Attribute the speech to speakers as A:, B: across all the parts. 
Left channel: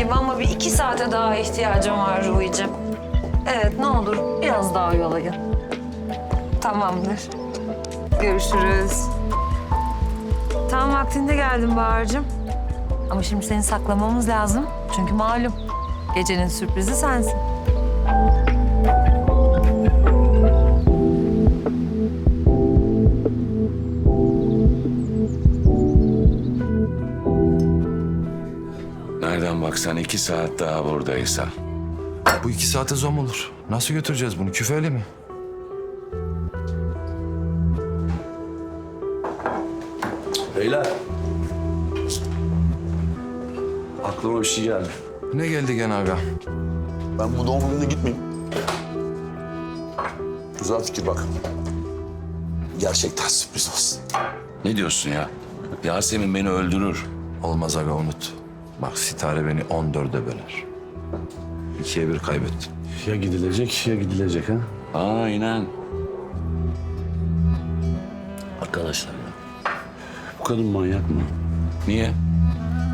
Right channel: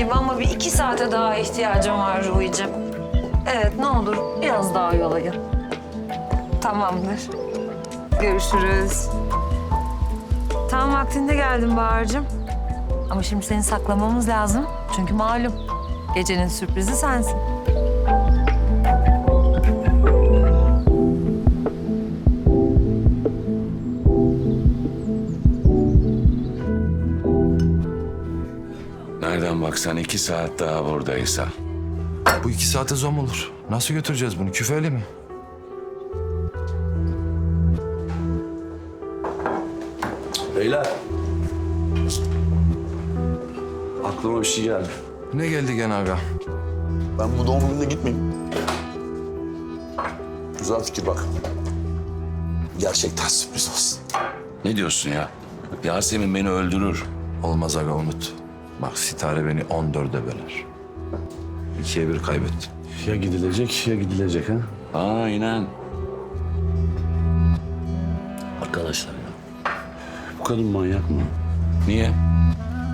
A: gibi ama bir iki saate daha ihtiyacım var Ruhi'cim. Evet ne olur biraz daha oyalayın. Tamamdır. Görüşürüz. Tam vaktinde geldim Bahar'cığım. Ama şimdi seni saklamamız lazım. Çünkü malum gecenin sürprizi sensin.
B: Baksan iki saat daha buradaysa.
C: Bu iki saate zom olur. Nasıl götüreceğiz bunu? Küfeyle mi?
D: Beyler. Aklıma bir şey geldi.
C: Ne geldi gene aga?
D: Ben bu doğum gününe gitmeyeyim. Güzel fikir bak. Gerçekten sürpriz olsun.
B: Ne diyorsun ya? Yasemin beni öldürür.
C: Olmaz aga unut. Bak Sitare beni 14'e böler. İkiye bir kaybettim.
D: Ya gidilecek ya gidilecek ha.
B: Aynen.
D: Arkadaşlar ya. Bu kadın manyak mı?
B: Niye?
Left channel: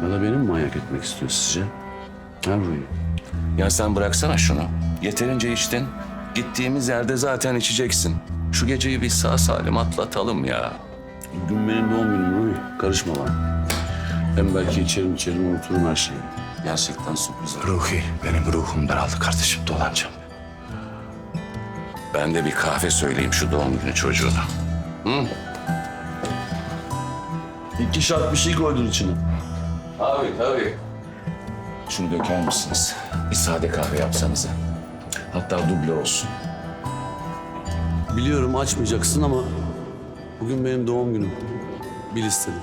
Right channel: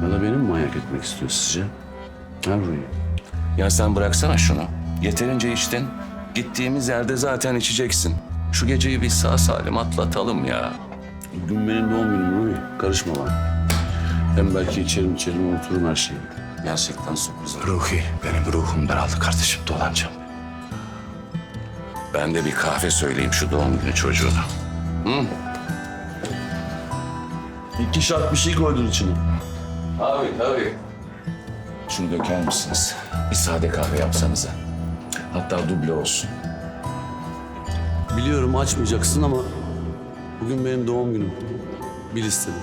D: Ya da beni mi manyak etmek istiyor sizce? Ha Rui?
B: Ya sen bıraksana şunu. Yeterince içtin. Gittiğimiz yerde zaten içeceksin. Şu geceyi bir sağ salim atlatalım ya.
D: Bugün benim doğum günüm Rui. Karışma bana. Hem belki içerim içerim unuturum her şeyi.
B: Gerçekten sürpriz oldu.
C: Ruhi, benim ruhum daraldı kardeşim. Dolanacağım.
B: Ben de bir kahve söyleyeyim şu doğum günü çocuğuna.
D: İki şart bir şey koydun içine.
B: Tabii tabii. Şunu döker misiniz? Bir sade kahve yapsanıza. Hatta duble olsun.
D: Biliyorum açmayacaksın ama bugün benim doğum günüm. Bil istedim.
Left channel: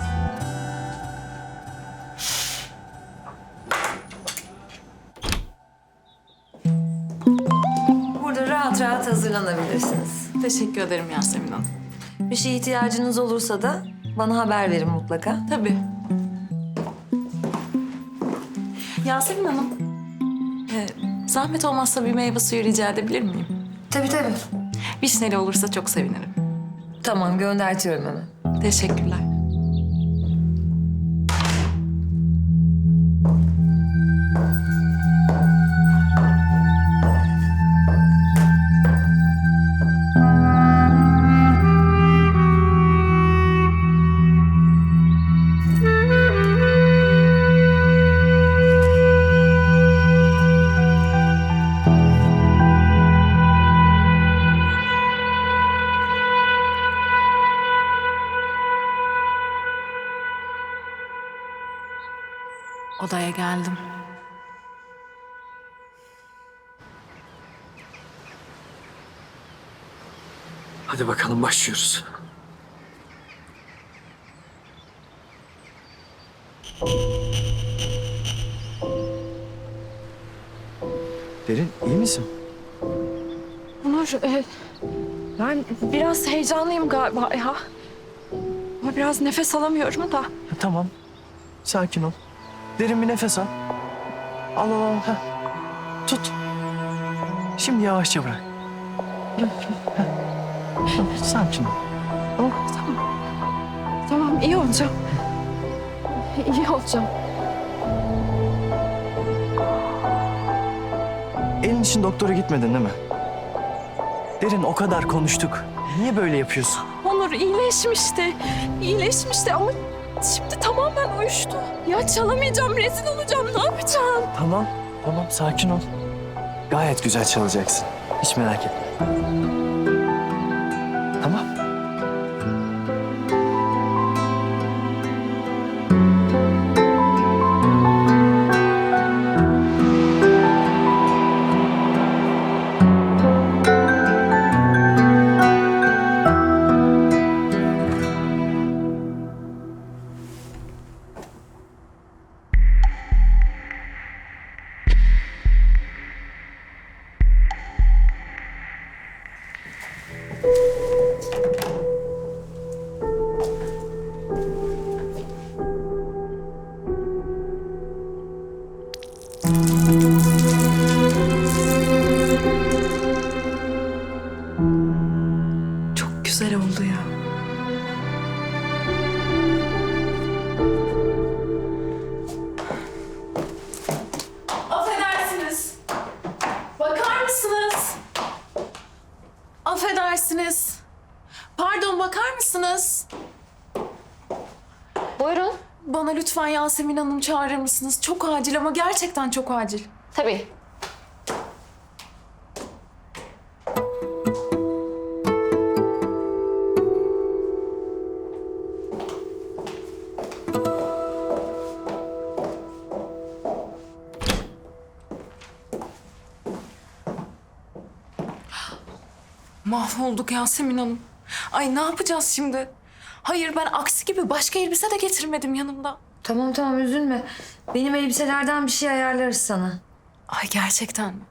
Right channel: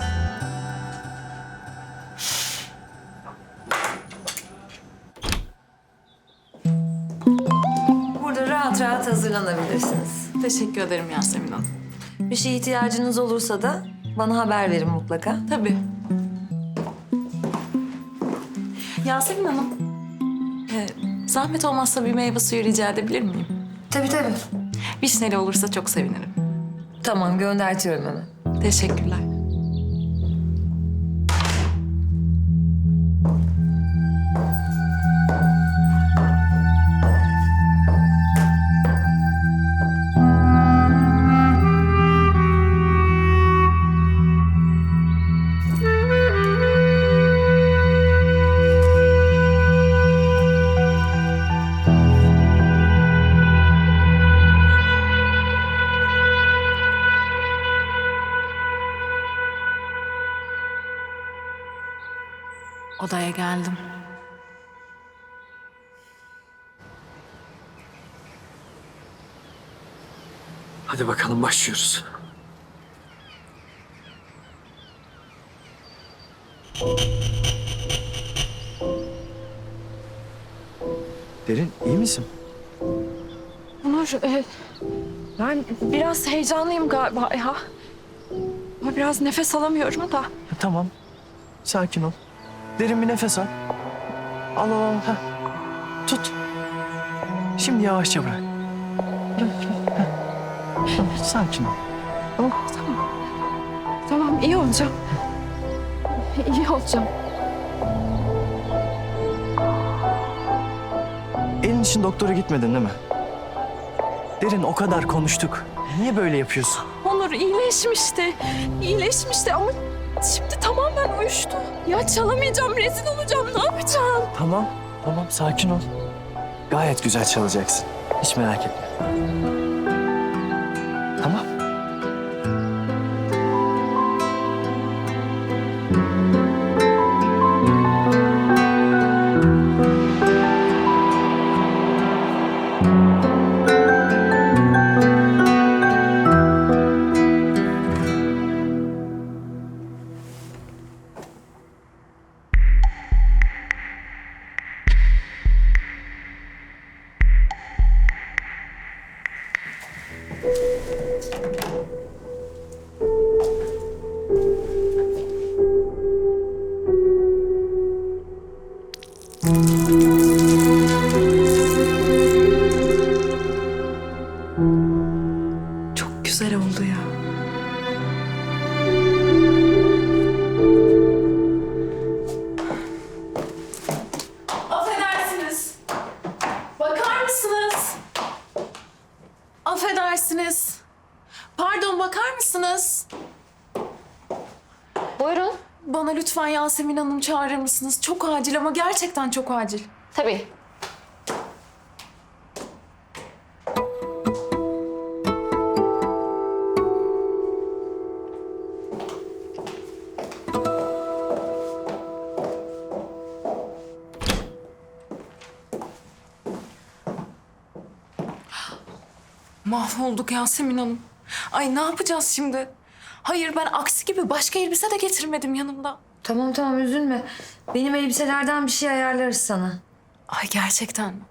A: Hazırlanabilirsiniz.
E: Teşekkür ederim Yasemin Hanım.
A: Bir şeye ihtiyacınız olursa da bana haber verin mutlaka.
E: Tabii. Yasemin Hanım, e, zahmet olmazsa bir meyve suyu rica edebilir miyim?
A: Tabii tabii.
E: Vişneli olursa çok sevinirim.
A: Tamam göndertiyorum hemen.
E: Teşekkürler. Odaya geldim.
F: Hadi bakalım başlıyoruz. Derin iyi misin?
G: Onur, e, ben biraz heyecanlıyım galiba ya. Ama biraz nefes alamıyorum da.
F: Ha, tamam. Sakin ol. Derin bir nefes al. Al al al. Heh. Tut. Şimdi yavaşça bırak. Heh. Tamam, Sakin ol. Tamam.
G: Tamam, iyi olacağım. İyi olacağım.
F: Elin için doktora gitmedin değil mi? Derin o kadar konuştuk. Niye böyle yapıyorsun?
G: Onur iyileşmişti. İyileşmişti ama şimdi tamamen uyuştu. Ya çalamayacağım, rezil olacağım. Ne yapacağım?
F: Tamam, tamam sakin ol. Gayet güzel çalacaksın. Hiç merak etme. Tamam. Pardon bakar mısınız? Buyurun.
E: Bana lütfen Yasemin Hanım çağırır mısınız? Çok acil ama gerçekten çok acil.
G: Tabii.
E: Mahvolduk Yasemin Hanım. Ay ne yapacağız şimdi? Hayır ben aksi gibi başka elbise de getirmedim yanımda.
A: Tamam tamam üzülme. Benim elbiselerden bir şey ayarlarız sana.
E: Ay gerçekten mi?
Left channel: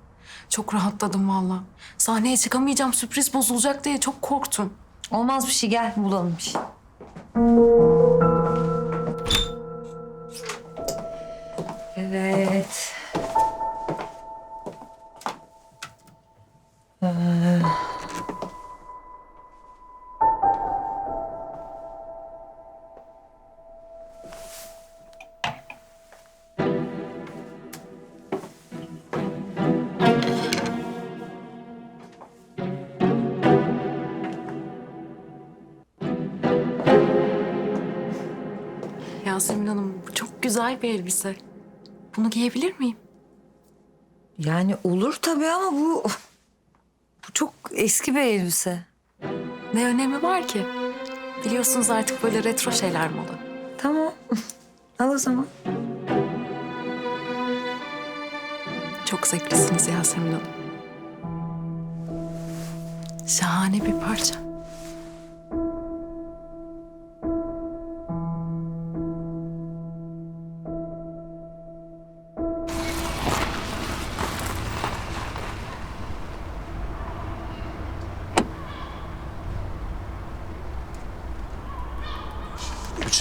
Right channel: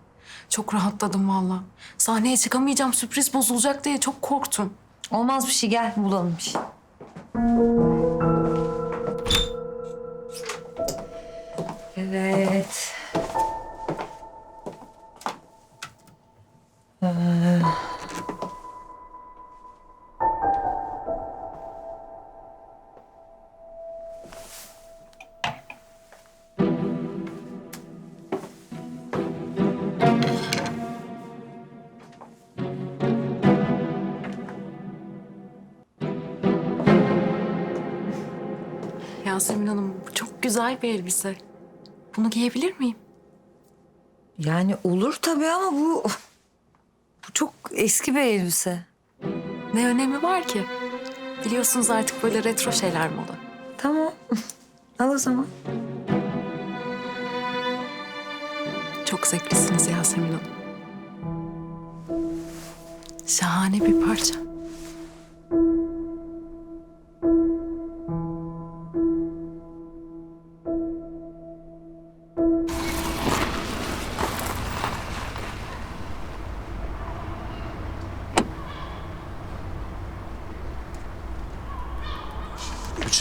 E: Çok rahatladım valla. Sahneye çıkamayacağım sürpriz bozulacak diye çok korktum.
A: Olmaz bir şey gel bulalım bir şey. Evet.
E: Yasemin Hanım bu çok güzel bir elbise. Bunu giyebilir miyim?
A: Yani olur tabii ama bu... Bu çok eski bir elbise.
E: Ne önemi var ki? Biliyorsunuz artık böyle retro şeyler moda.
A: Tamam. Al o zaman.
E: Çok zevklisiniz Yasemin Hanım. Şahane bir parça.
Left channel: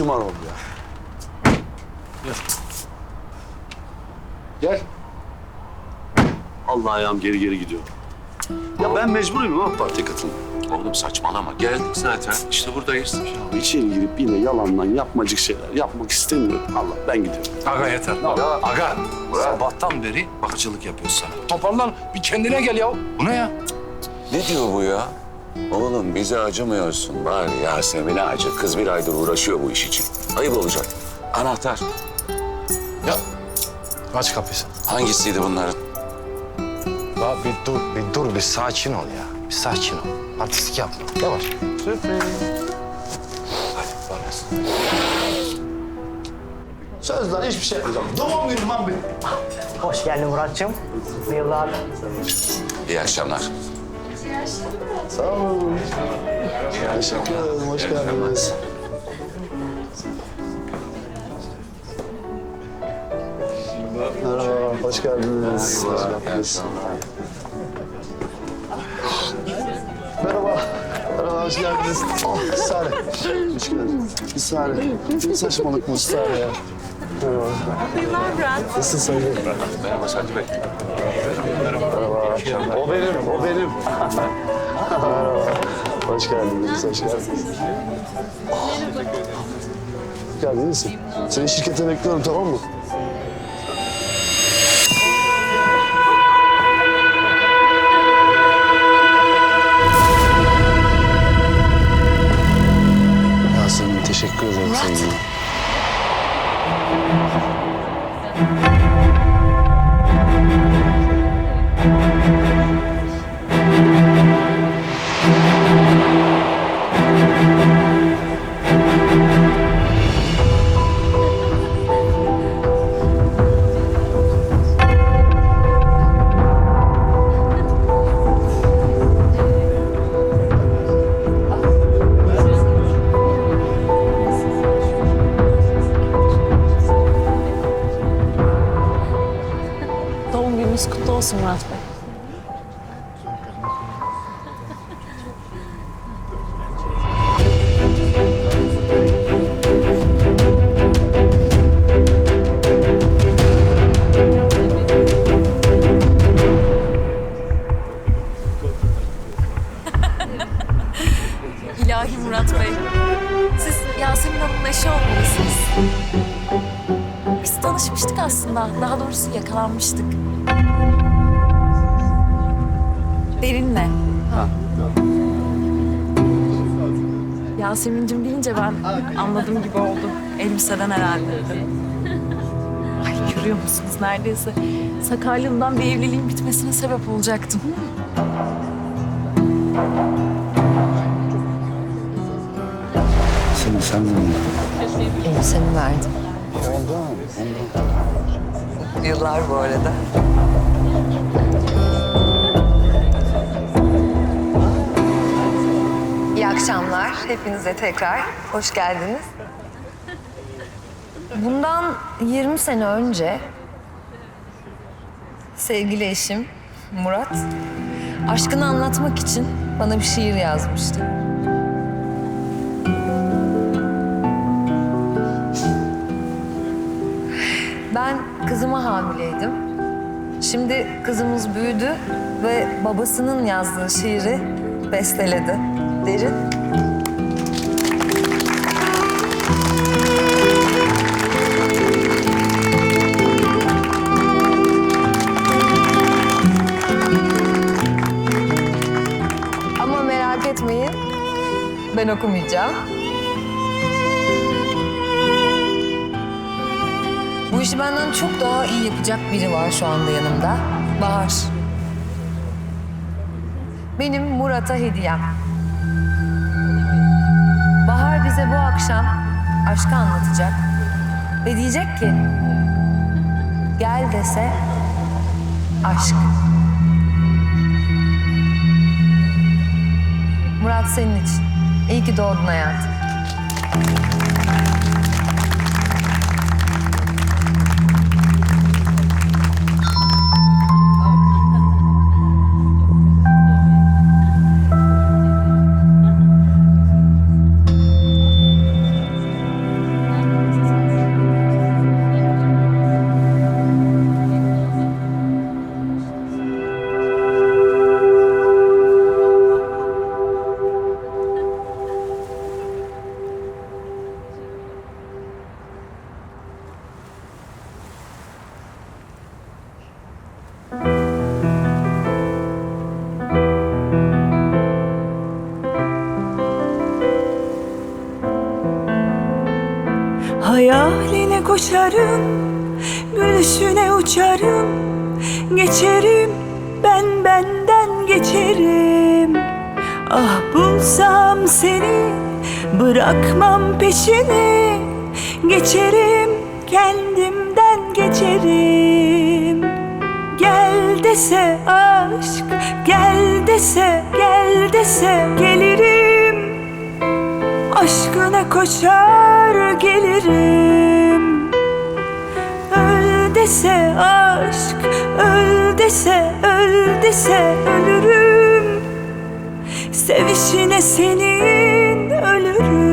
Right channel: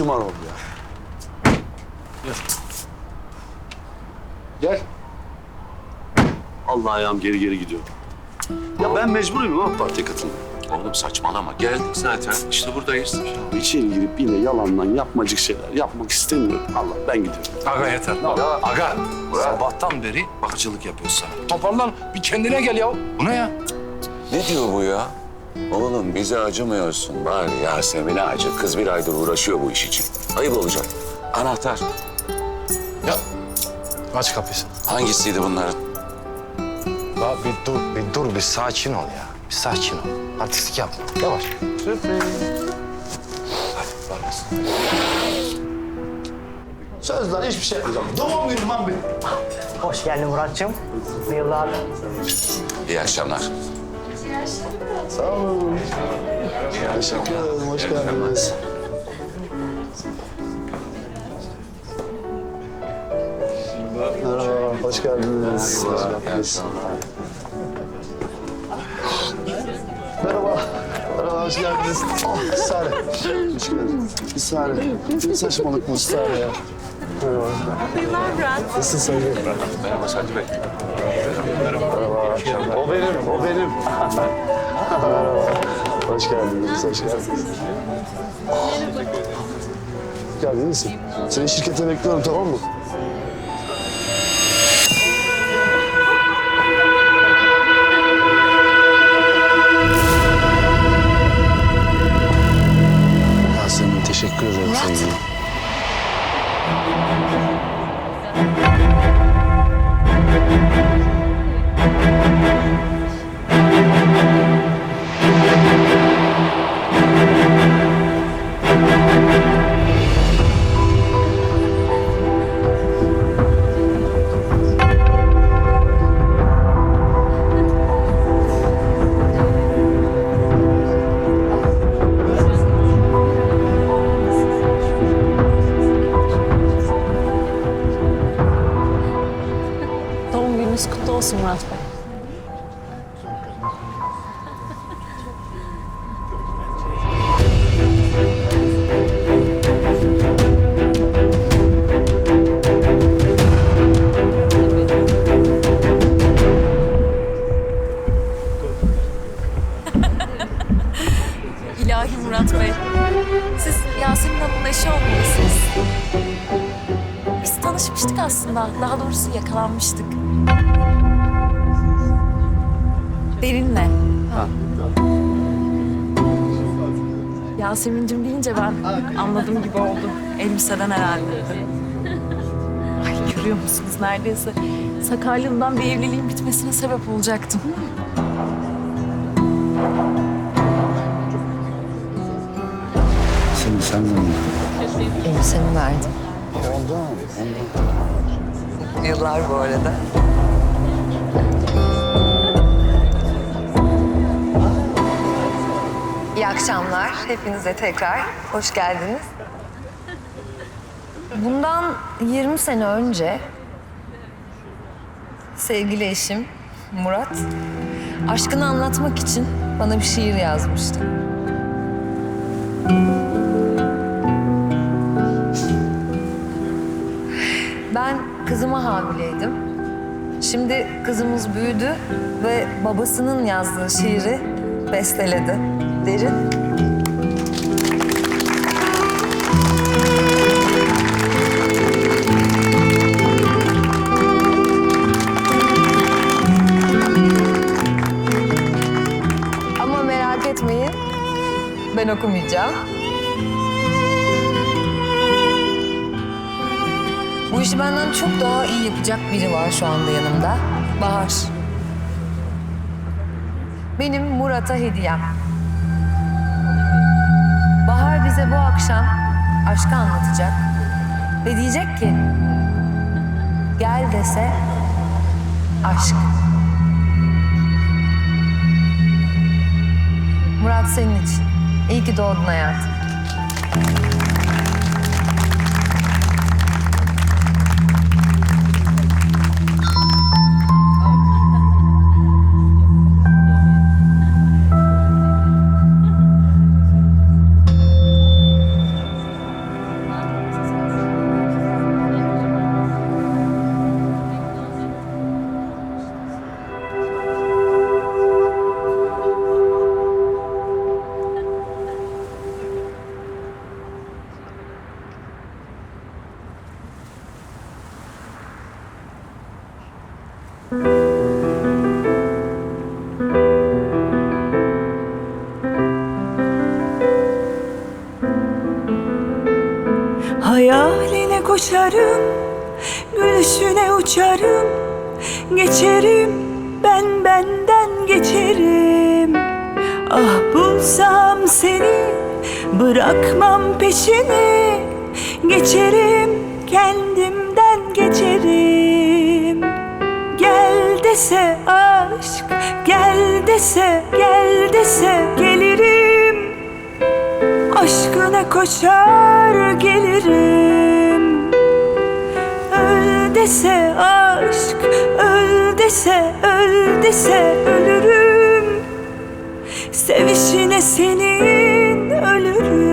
D: Bu ya. Gel. Gel. Allah ayağım geri geri gidiyor. Ya ben mecburuyum ama partiye katılmaya.
B: Oğlum saçmalama. Geldik zaten. İşte buradayız.
D: Ya içeri girip yine yalandan yapmacık şeyler yapmak istemiyorum. Allah ben gidiyorum.
C: Aga yeter. Aga sabahtan beri bakıcılık yapıyorsun sana. Toparlan bir kendine gel ya. Bu ne ya?
B: Ne diyor bu ya? Oğlum bize acımıyorsun. Bari Yasemin'e acı. Kız bir aydır uğraşıyor bu iş için. Ayıp olacak. Anahtar.
C: Ya aç kapıyı.
B: Hangisiydi bunların?
C: Ya bir dur, bir dur, bir sakin ol ya. Bir sakin ol. Artistik yapma. Yavaş.
D: Söz lan hiçbir şey yapmayacağım. Doğum günüm lan benim.
H: Hoş geldin Muratcığım. Bu yıllar
B: İyi akşamlar.
D: Sağ olun. Teşekkür ederim. Hoş geldiniz. Merhaba, hoş geldiniz. Hoş. Merhaba. Merhaba, hoş geldiniz. Oh, Sare. Hoş geldiniz. Bir Sare. Ne saçmalık bu Sare ya. Merhaba. Nasılsın Sayın?
B: Merhaba Sadri Bey.
D: O benim, o benim. Hoş geldiniz, hoş geldiniz. Geldin, misin? Seni şirkete bekliyorum, tamam mı? Yasemin, teşekkür ederim sevgilim.
E: Gününüz kutlu olsun Murat Bey. İlahi Murat Bey. Siz Yasemin Hanım'ın eşi olmalısınız. Biz tanışmıştık aslında. Daha doğrusu yakalanmıştık. Derinle. Yasemin'cim deyince ben anladım gibi oldu. Elbiseden herhalde. Ay görüyor musunuz neredeyse sakarlığımdan bir evliliğin bitmesine sebep olacaktım.
B: Seni senden mi?
A: Elbiseni verdim.
B: Ondan, ondan.
A: Yıllar bu arada. İyi akşamlar. Hepinize tekrar hoş geldiniz. Bundan 20 sene önce sevgili eşim Murat aşkını anlatmak için bana bir şiir yazmıştı. Ben kızıma hamileydim. Şimdi kızımız büyüdü ve babasının yazdığı şiiri besteledi. Derin. Ama merak etmeyin. Ben okumayacağım. Bu işi benden çok daha iyi yapacak biri var şu anda yanımda. Bahar. Benim Murat'a hediyem. Bize bu akşam aşkı anlatacak. Ve diyecek ki... Gel dese aşk. Murat senin için. İyi ki doğdun hayatım.
I: Hayaline koşarım, gülüşüne uçarım Geçerim, ben benden geçerim. Ah bulsam seni, bırakmam peşini Geçerim, kendimden geçerim. Gel dese aşk, gel dese, gel dese gelirim Aşkına koşar gelirim. Öl dese aşk Öl dese öl dese ölürüm. Sevişine senin ölürüm